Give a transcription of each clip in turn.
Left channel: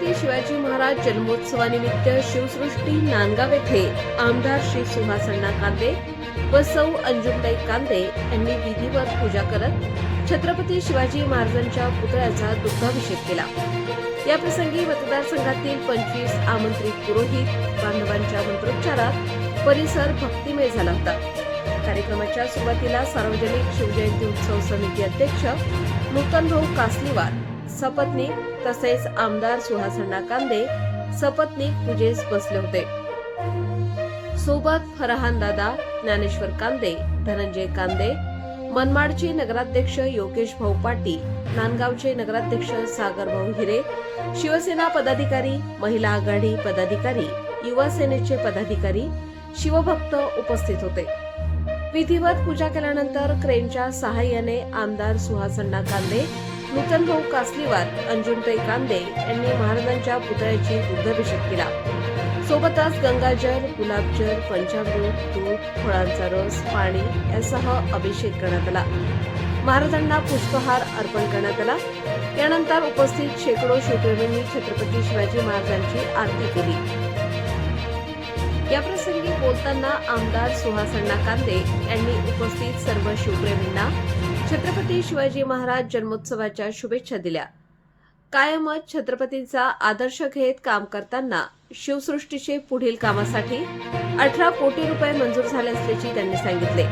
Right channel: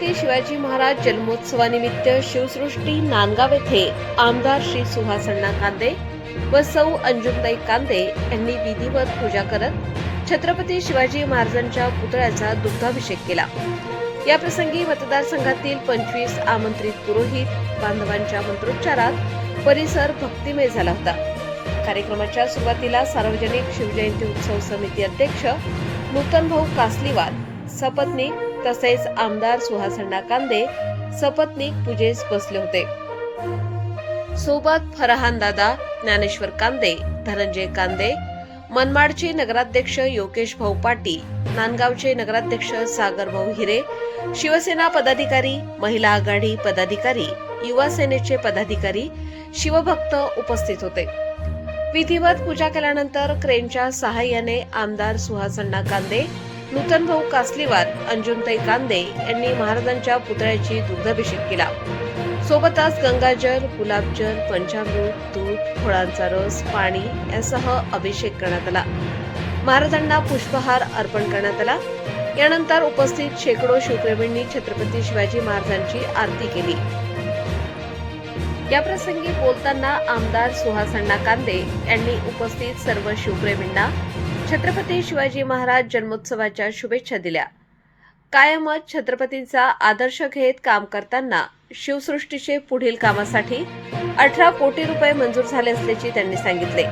छत्रपती शिवाजी महाराज जन्मोत्सवानिमित्त शिवसृष्टी नांदगाव येथे आमदार श्री सुहास अण्णा कांदे व सौ अंजुमताई कांदे यांनी विधिवत पूजा करत छत्रपती शिवाजी महाराजांच्या पुतळ्याचा दुग्धाभिषेक केला। या प्रसंगी मतदारसंघातील 25 आमंत्रित पुरोहित बांधवांच्या मंत्रोच्चारात परिसर भक्तिमय झाला होता। कार्यक्रमाच्या सुरुवातीला सार्वजनिक शिवजयंती उत्सव समिती अध्यक्ष नूतन भाऊ कासलीवार सपत्नीक तसेच आमदार सुहास अण्णा कांदे सपत्नीक पूजेस बसले होते। सोबत फरहान दादा, ज्ञानेश्वर कांदे, धनंजय कांदे, मनमाडचे नगराध्यक्ष योगेश भाऊ पाटील, नांदगावचे नगराध्यक्ष सागर भाऊ हिरे, शिवसेना पदाधिकारी, महिला आघाडी पदाधिकारी, युवा सेनेचे पदाधिकारी, शिवभक्त उपस्थित होते। विधिवत पूजा केल्यानंतर क्रेनच्या सहाय्याने आमदार सुहास अण्णा कांदे, नूतन भाऊ कासलीवार, अंजुमताई कांदे यांनी महाराजांच्या पुतळ्याची दुग्धाभिषेक केला। सोबतच गंगाजल, गुलाबजल, पंचामृत, दूध, फळांचा रस, पाणी यासह अभिषेक करण्यात आला। महाराजांना पुष्पहार अर्पण करण्यात आला। यानंतर उपस्थित शेकडो शिवप्रेमींनी छत्रपती शिवाजी महाराजांची आरती केली। या प्रसंगी बोलताना आमदार सुहास अण्णा कांदे यांनी उपस्थित सर्व शिवप्रेमींना छत्रपती शिवाजी महाराज जन्मोत्सवाच्या शुभेच्छा दिल्या। कायमच छत्रपतींचा आदर्श घेत काम करताना शिवसृष्टीचे पुढील कामासाठी 18 कोटी रुपये मंजूर झाले असल्याचे त्यांनी सांगितले।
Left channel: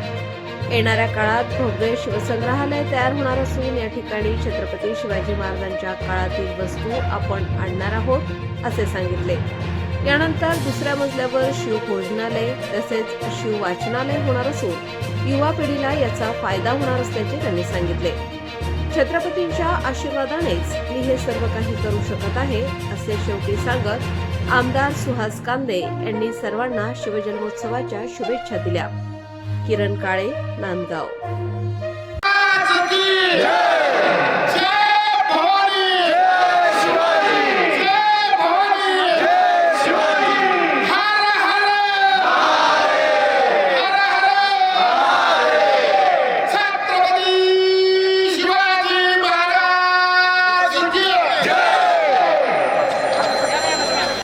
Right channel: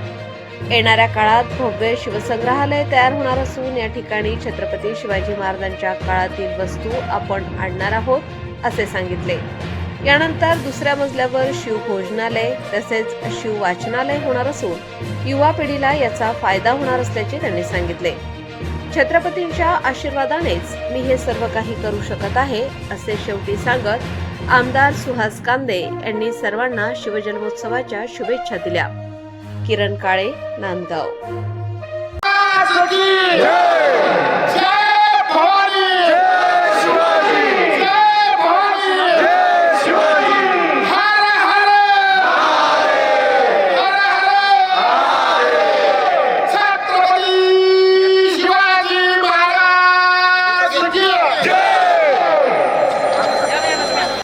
येणाऱ्या काळात भव्य शिवसंग्रहालय तयार होणार असून या ठिकाणी छत्रपती शिवाजी महाराजांच्या काळातील वस्तू आपण आणणार आहोत असे सांगितले। यानंतर दुसऱ्या मजल्यावर शिवभोजनालय तसेच शिव वाचनालय होणार असून युवा पिढीला याचा फायदा होणार असल्याचे त्यांनी सांगितले। छत्रपतींच्या आशीर्वादानेच मी हे सर्व काही करू शकत आहे असे शेवटी सांगत आमदार सुहास कांदे यांनी सर्वांना शिवजन्मोत्सवाच्या शुभेच्छा दिल्या। किरण काळे, नांदगाव।